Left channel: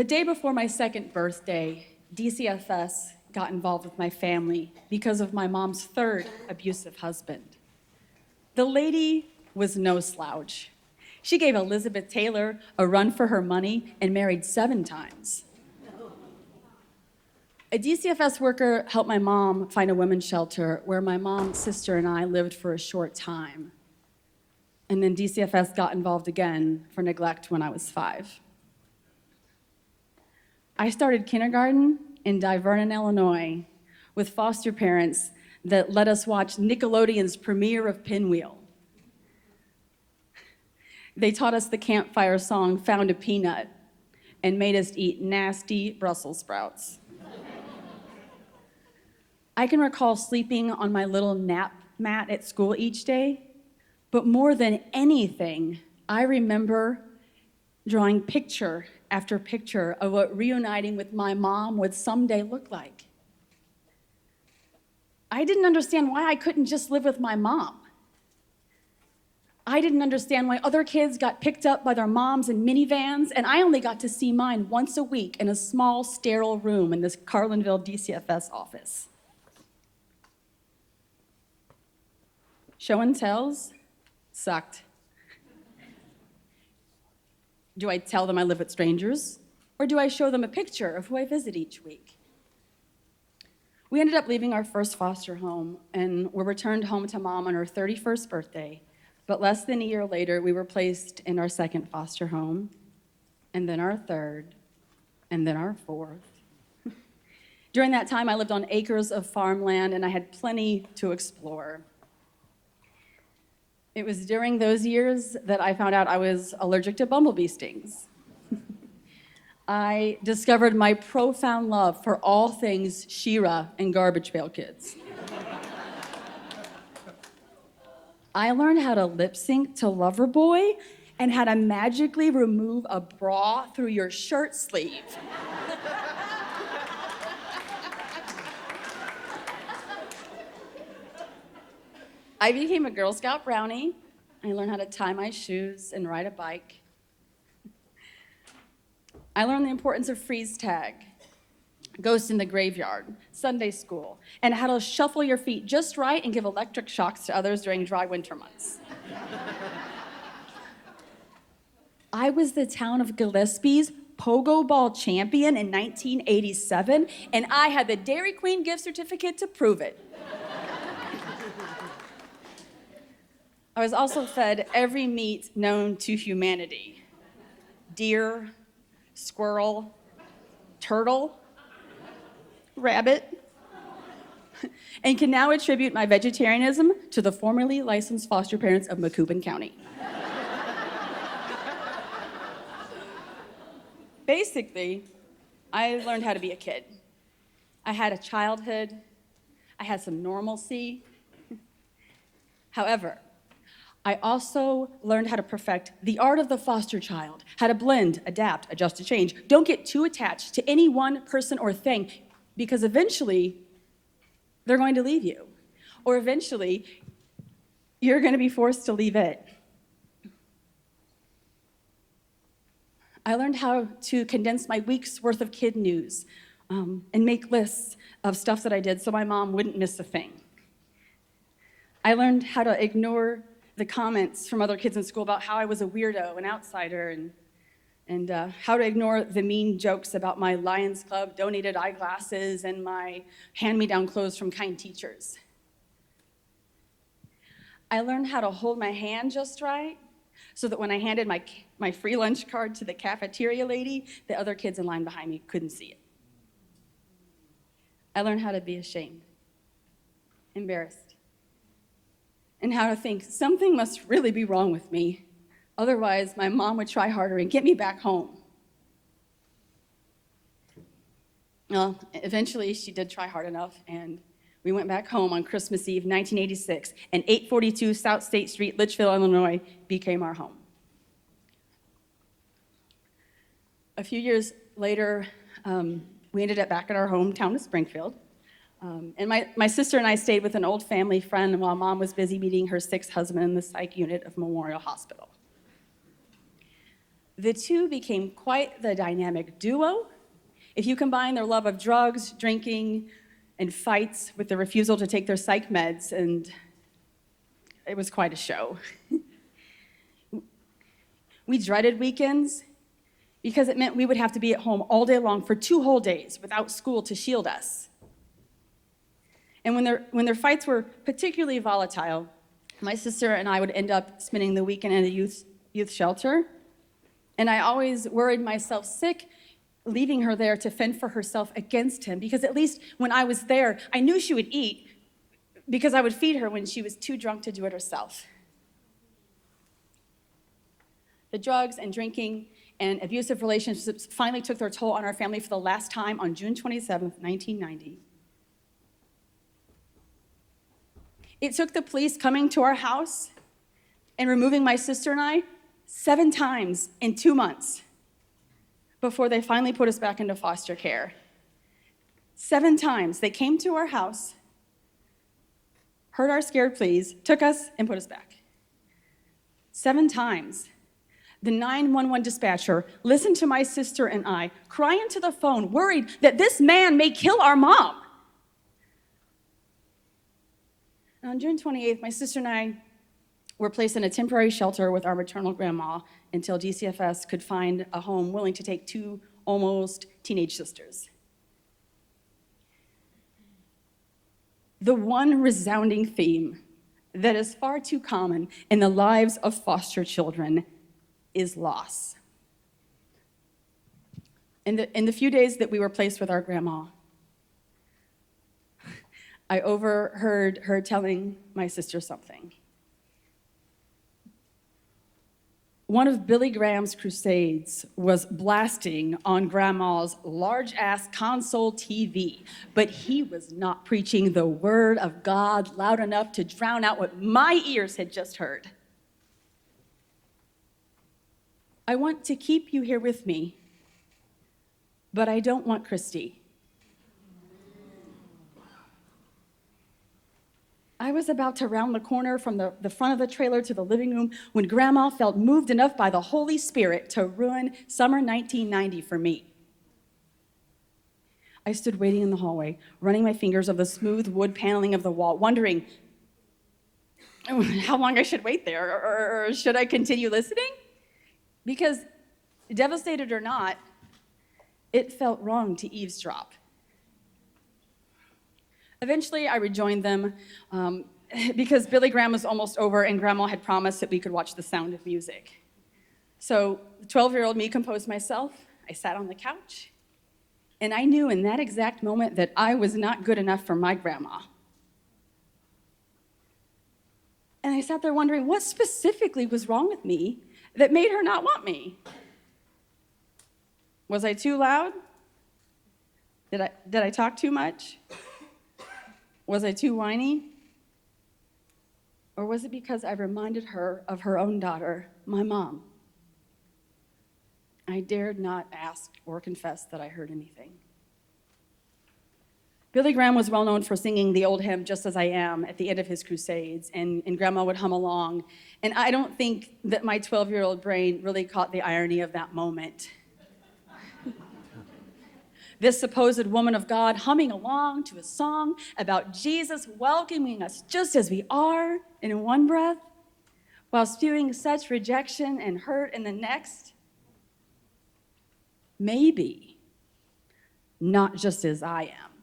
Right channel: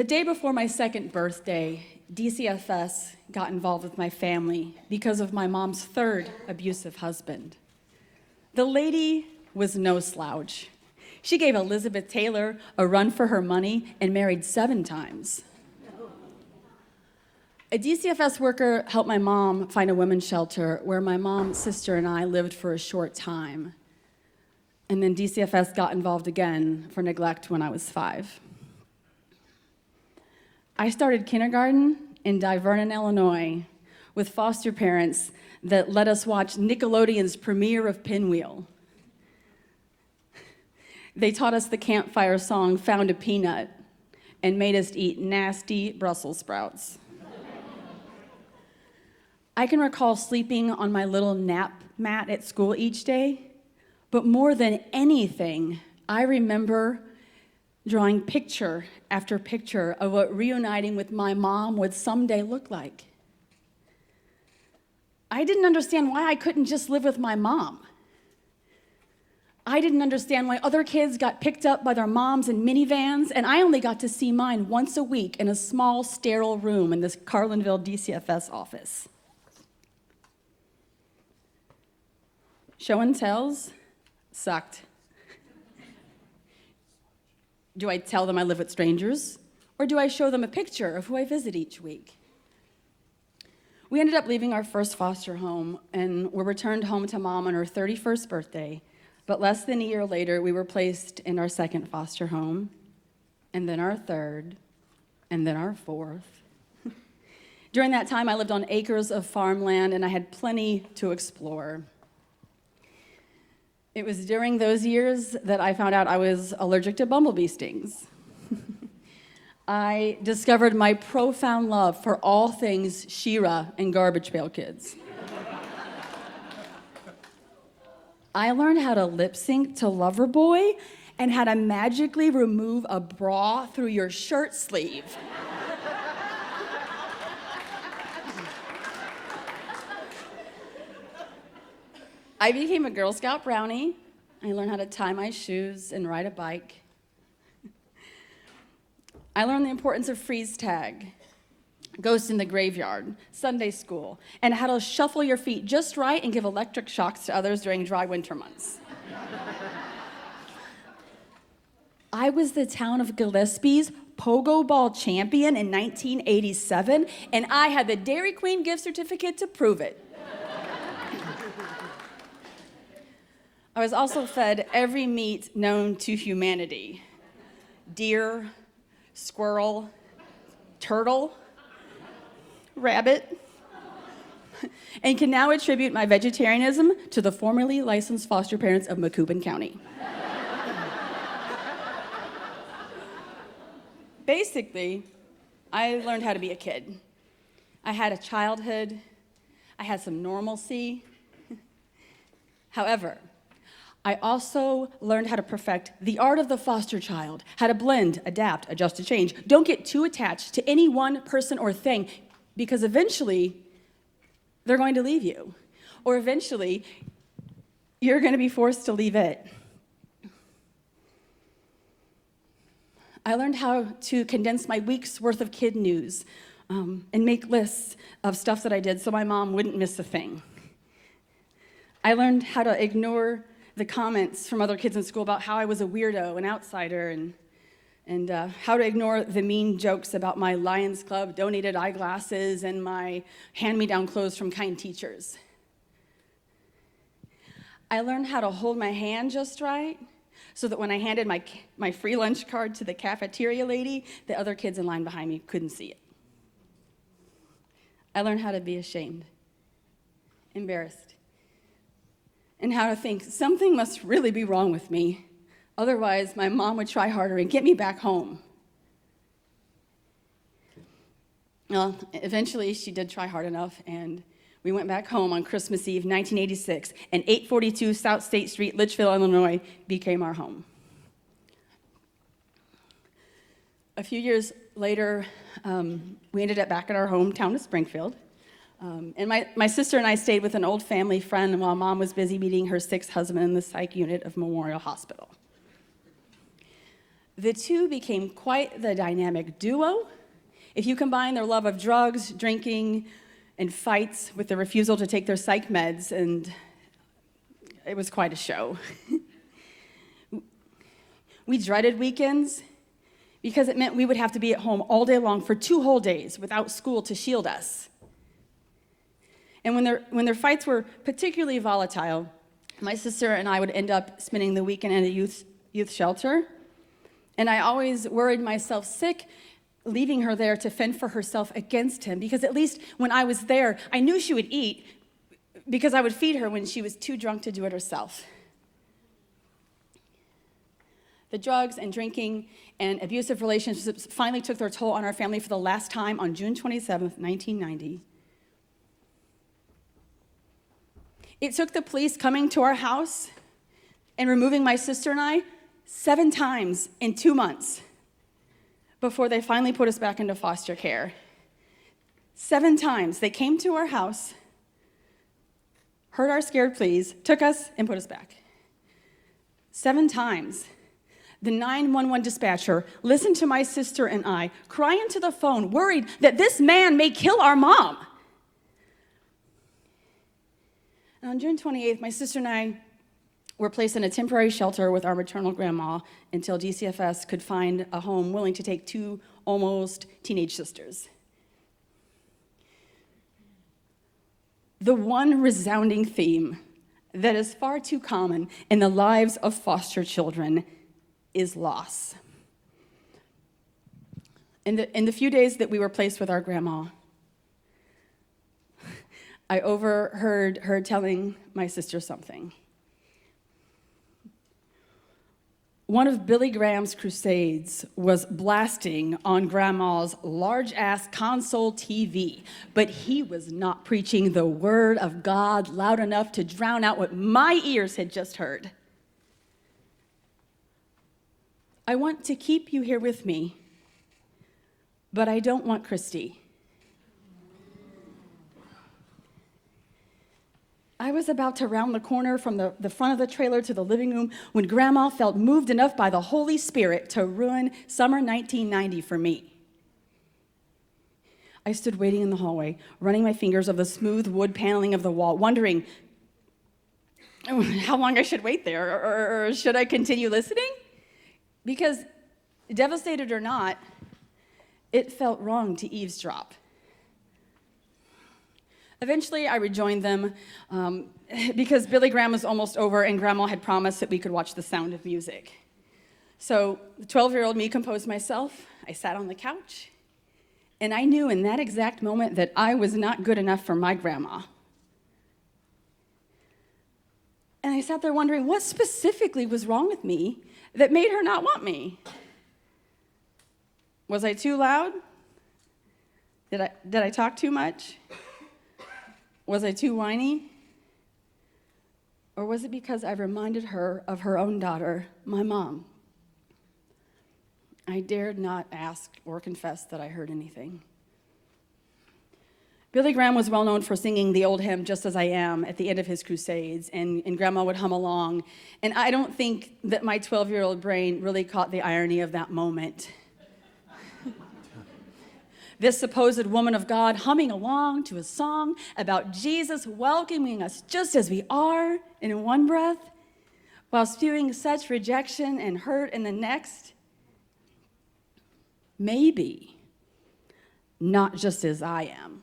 The day before my second birthday, DCFS got involved with my family because of my mom's third abusive husband. The lady was no slouch. She gave Elizabeth Taylor a run for her money and married 7 times. A DCFS worker helped my mom find a women's shelter where my mom, sister, and I lived for a short time. And then DCFS got involved again for neglect when I was 5. I started kindergarten in Divernon, Illinois, with foster parents that let us watch Nickelodeon's premiere of Pinwheel. They taught us the campfire song, Found a Peanut, and made us eat nasty Brussels sprouts. I can recall sleeping on my little nap mat at school each day, but more than anything, I remember drawing picture after picture of what reuniting with my mom would someday look like. I didn't understand why I couldn't just live with my mom. I didn't understand why other kids got picked up by their moms in minivans, and I only got to see mine once a week in a small, sterile room in this Carlinville DCFS office. Show and tells sucked. Do I tell them I live with strangers, or do I show them a picture of who I visit each week? We ended up leaving our first foster home and were returned home to mom on her 31st birthday, but less than a year later, we were placed in our second foster home, and then our third, and then our fourth. During that time, I lived on acres of farmland, and I had plenty to explore. It was during those years that I found out I was allergic to bumblebee stings. I discovered my profound love for all things She-Ra and Garbage Pail Kids. I learned how to lip sync to Loverboy and how to magically remove a bra through your shirt sleeve. I became a Girl Scout brownie. I learned how to tie my shoes and ride a bike. I learned the importance of freeze tag, ghost in the graveyard, Sunday school, and how to shuffle your feet just right and give electric shocks to others during dry winter months. I was the town of Gillespie's Pogo Ball champion in 1987, and I had the Dairy Queen gift certificate to prove it. I was also fed every meat known to humanity: deer, squirrel, turtle, rabbit, and can now attribute my vegetarianism to the formerly licensed foster parents of Macoupin County. Basically, I learned how to be a kid. I had a childhood. I had some normalcy. However, I also learned how to perfect the art of the foster child, how to blend, adapt, adjust to change. Don't get too attached to any one person or thing, because eventually they're going to leave you, or eventually you're going to be forced to leave it. I learned how to condense my week's worth of kid news and make lists of stuff that I did so my mom wouldn't miss a thing. I learned how to ignore the comments from other kids in school about how I was a weirdo, an outsider, and how to ignore the mean jokes about my Lions Club donated eyeglasses and my hand-me-down clothes from kind teachers. I learned how to hold my hand just right so that when I handed my free lunch card to the cafeteria lady, the other kids in line behind me couldn't see it. I learned how to be ashamed, embarrassed, and how to think something must really be wrong with me. Otherwise, my mom would try harder and get me back home. Well, eventually she did try hard enough, and we went back home on Christmas Eve, 1986, and 842 South State Street, Litchfield, Illinois, became our home. A few years later, we ended up back at our hometown of Springfield. And my sister and I stayed with an old family friend while Mom was busy meeting her 6th husband in the psych unit of Memorial Hospital. The two became quite the dynamic duo. If you combine their love of drugs, drinking, and fights with the refusal to take their psych meds, and it was quite a show. We dreaded weekends because it meant we would have to be at home all day long for 2 whole days without school to shield us. And when their fights were particularly volatile, my sister and I would end up spending the weekend in a youth shelter. And I always worried myself sick leaving her there to fend for herself against him, because at least when I was there, I knew she would eat because I would feed her when she was too drunk to do it herself. The drugs and drinking and abusive relationships finally took their toll on our family for the last time on June 27th, 1990. It took the police coming to our house and removing my sister and I 7 times in 2 months before they finally put us back into foster care. 7 times they came to our house, heard our scared pleas, took us, and put us back. 7 times. The 911 dispatcher listened to my sister and I cry into the phone, worried that this man may kill our mom. And on June 28th, my sister and I were placed in a temporary shelter with our maternal grandma until DCFS could find a home willing to take 2 almost teenage sisters. The one resounding theme that is far too common in the lives of foster children is loss. In the few days that we were placed with our grandma, I overheard her telling my sister something. One of Billy Graham's crusades was blasting on Grandma's large-ass console TV, but he was not preaching the word of God loud enough to drown out what my ears had just heard. I want to keep you here with me, but I don't want Kristy. I was about to round the corner from the front of the trailer to the living room when Grandma felt moved enough by the Holy Spirit to ruin summer 1990 for me. I stood waiting in the hallway, running my fingers over the smooth wood paneling of the wall, wondering how long I should wait there, or should I continue listening? Because, devastated or not, it felt wrong to eavesdrop. Eventually, I rejoined them because Billy Graham was almost over and Grandma had promised that we could watch The Sound of Music. So the 12-year-old me composed myself. I sat on the couch, and I knew in that exact moment that I was not good enough for my grandma. And I sat there wondering what specifically was wrong with me that made her not want me. Was I too loud? Did I talk too much? Was I too whiny? Or was it because I reminded her of her own daughter, my mom? I dared not ask or confess that I heard anything. Billy Graham was well known for singing the old hymn, Just As I Am, at the end of his crusades, and Grandma would hum along. And I don't think that my 12-year-old brain really caught the irony of that moment. This supposed woman of God humming along to a song about Jesus welcoming us just as we are in one breath, while spewing such rejection and hurt in the next. Maybe not just as I am,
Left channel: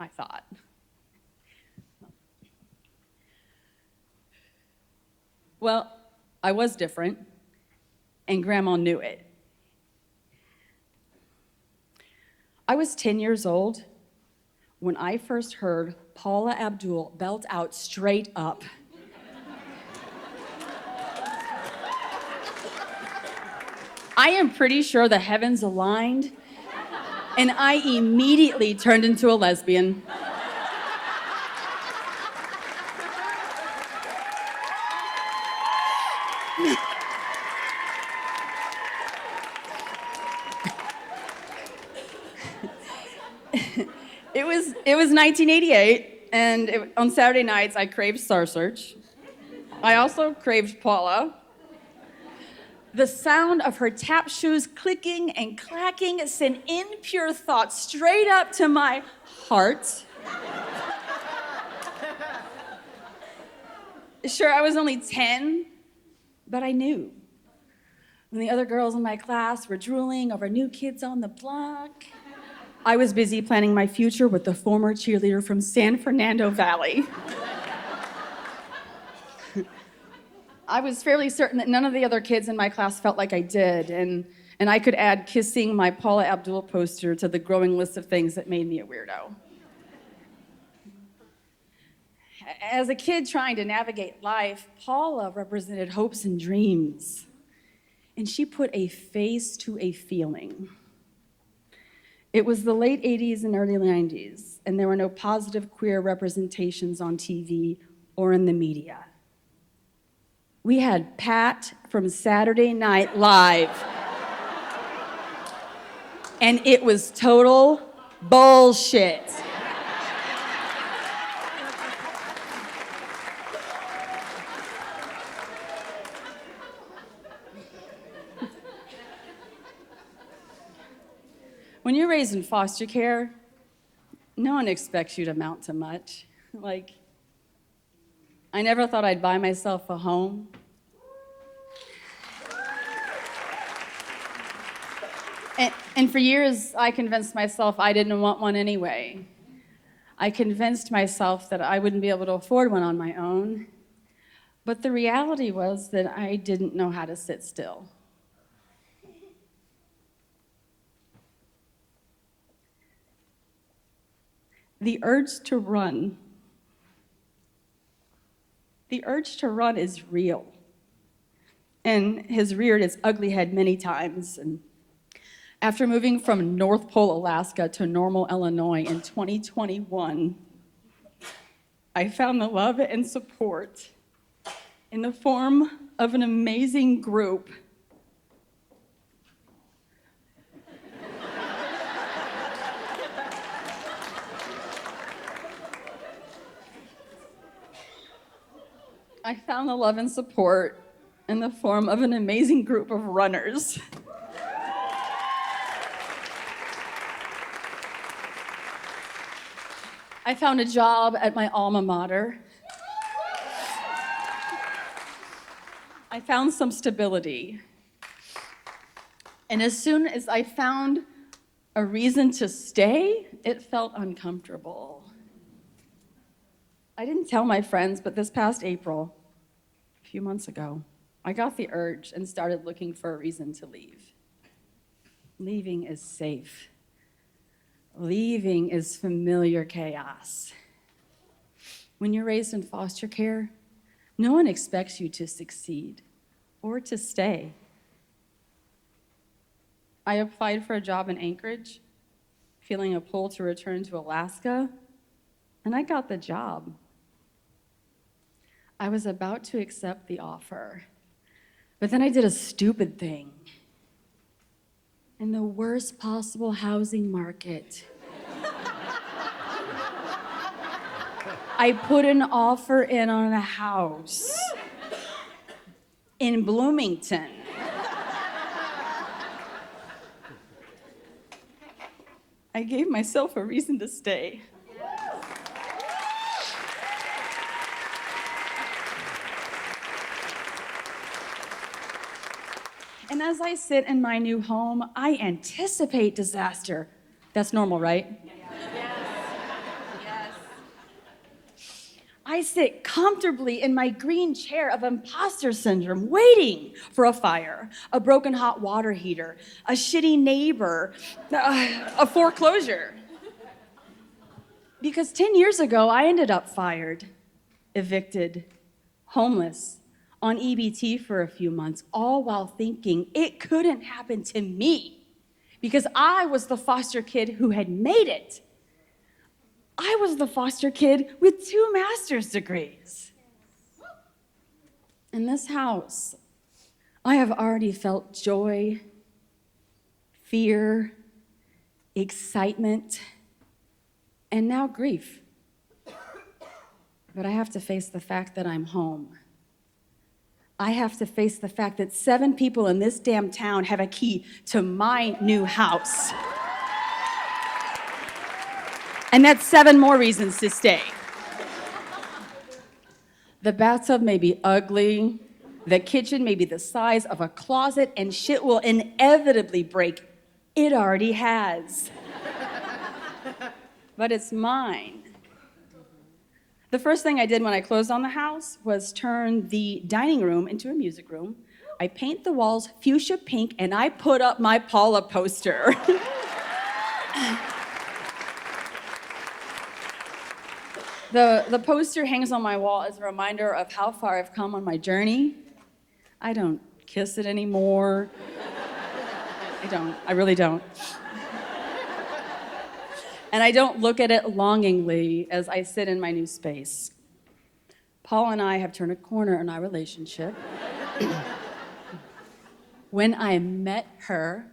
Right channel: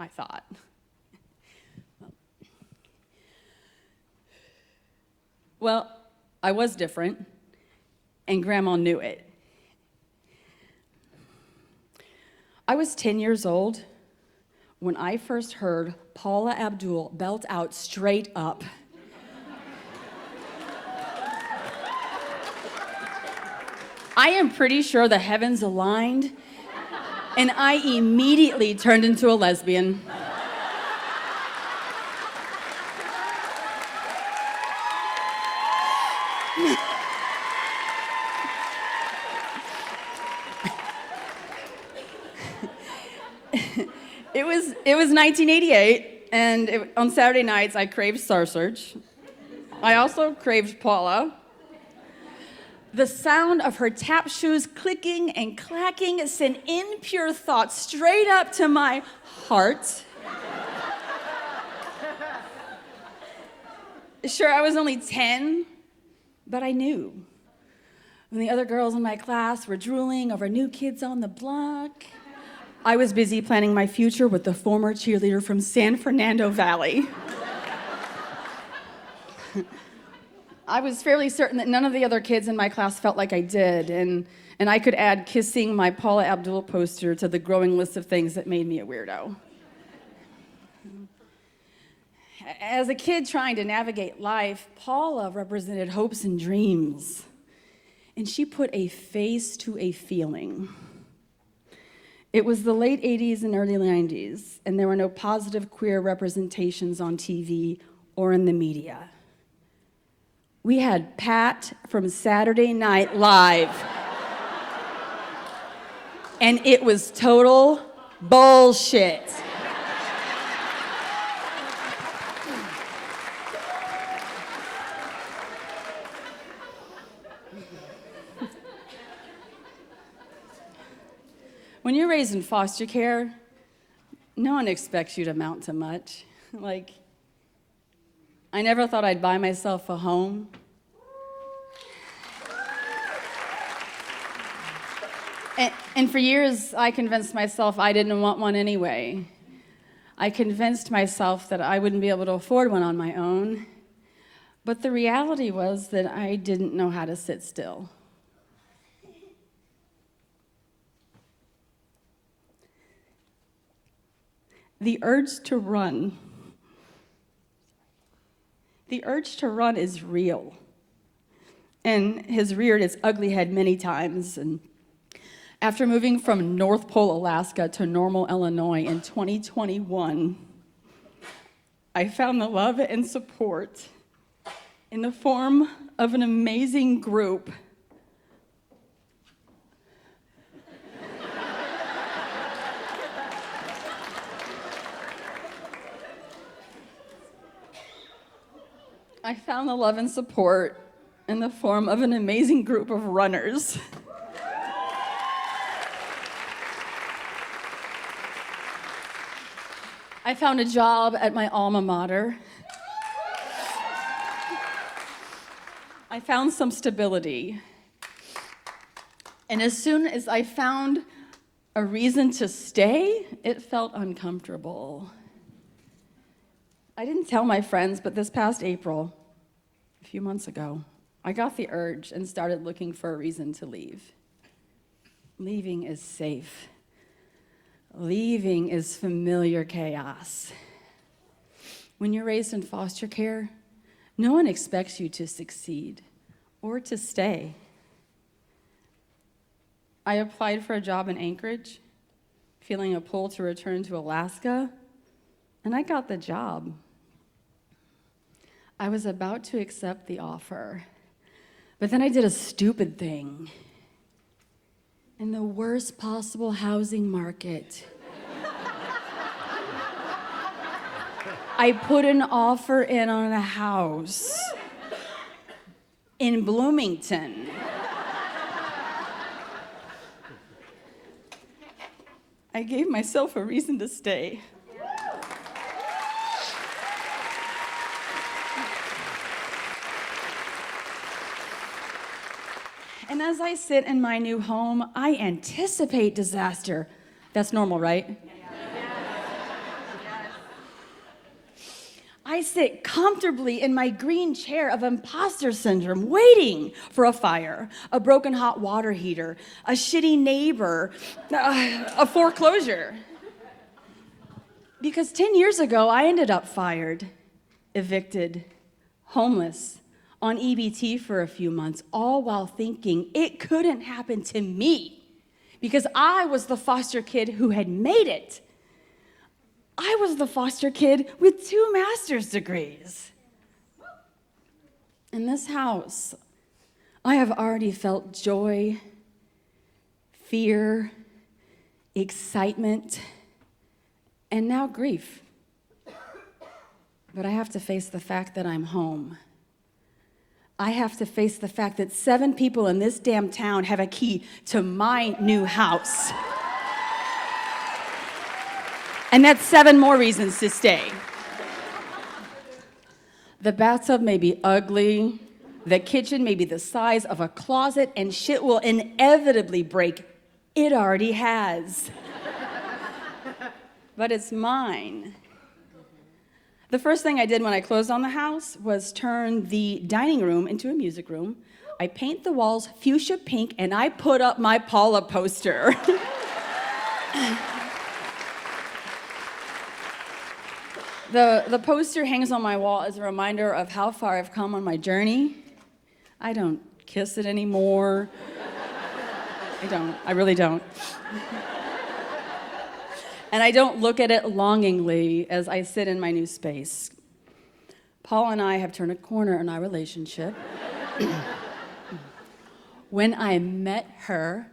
I thought. Well, I was different, and Grandma knew it. I was 10 years old when I first heard Paula Abdul belt out straight up. I am pretty sure the heavens aligned, and I immediately turned into a lesbian. It was 1988, and on Saturday nights, I craved Star Search. I also craved Paula. The sound of her tap shoes clicking and clacking sent impure thoughts straight up to my heart. Sure, I was only 10, but I knew. When the other girls in my class were drooling over new kids on the block, I was busy planning my future with the former cheerleader from San Fernando Valley. I was fairly certain that none of the other kids in my class felt like I did, and I could add kissing my Paula Abdul poster to the growing list of things that made me a weirdo. As a kid trying to navigate life, Paula represented hopes and dreams, and she put a face to a feeling. It was the late 80s and early 90s, and there were no positive queer representations on TV or in the media. We had Pat from Saturday Night Live, and it was total bullshit. When you're raised in foster care, no one expects you to amount to much. Like, I never thought I'd buy myself a home. And for years, I convinced myself I didn't want one anyway. I convinced myself that I wouldn't be able to afford one on my own. But the reality was that I didn't know how to sit still. The urge to run. The urge to run is real and has reared its ugly head many times. And after moving from North Pole, Alaska to Normal, Illinois in 2021, I found the love and support in the form of an amazing group I found the love and support in the form of an amazing group of runners. I found a job at my alma mater. I found some stability. And as soon as I found a reason to stay, it felt uncomfortable. I didn't tell my friends, but this past April, a few months ago, I got the urge and started looking for a reason to leave. Leaving is safe. Leaving is familiar chaos. When you're raised in foster care, no one expects you to succeed or to stay. I applied for a job in Anchorage, feeling a pull to return to Alaska, and I got the job. I was about to accept the offer, but then I did a stupid thing. In the worst possible housing market, I put an offer in on a house in Bloomington. I gave myself a reason to stay. And as I sit in my new home, I anticipate disaster. That's normal, right? Yes. I sit comfortably in my green chair of imposter syndrome, waiting for a fire, a broken hot water heater, a shitty neighbor, a foreclosure. Because 10 years ago, I ended up fired, evicted, homeless, on EBT for a few months, all while thinking it couldn't happen to me because I was the foster kid who had made it. I was the foster kid with 2 master's degrees. In this house, I have already felt joy, fear, excitement, and now grief. But I have to face the fact that I'm home. I have to face the fact that 7 people in this damn town have a key to my new house. And that's 7 more reasons to stay. The bathtub may be ugly, the kitchen may be the size of a closet, and shit will inevitably break. It already has. But it's mine. The first thing I did when I closed on the house was turn the dining room into a music room. I paint the walls fuchsia pink, and I put up my Paula poster. The poster hangs on my wall as a reminder of how far I've come on my journey. I don't kiss it anymore. I really don't. And I don't look at it longingly as I sit in my new space. Paul and I have turned a corner in our relationship. When I met her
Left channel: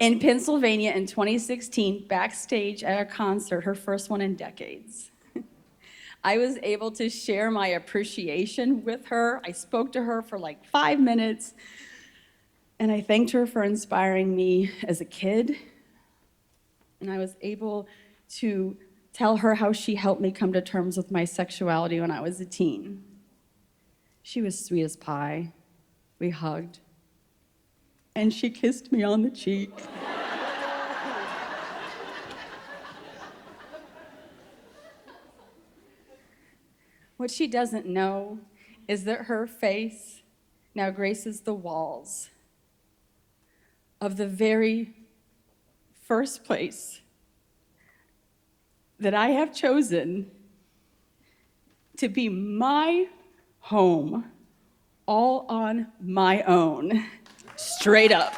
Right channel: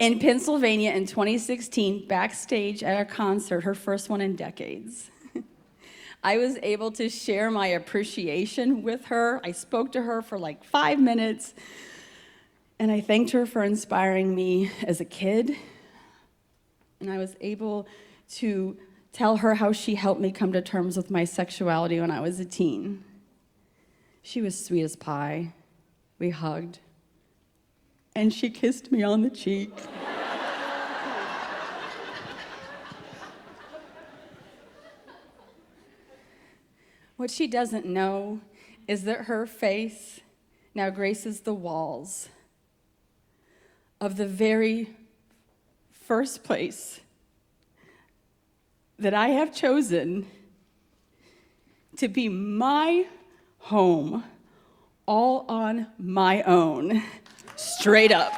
in Pennsylvania in 2016, backstage at a concert, her first one in decades, I was able to share my appreciation with her. I spoke to her for like 5 minutes, and I thanked her for inspiring me as a kid. And I was able to tell her how she helped me come to terms with my sexuality when I was a teen. She was sweet as pie. We hugged, and she kissed me on the cheek. What she doesn't know is that her face now graces the walls of the very first place that I have chosen to be my home, all on my own, straight up.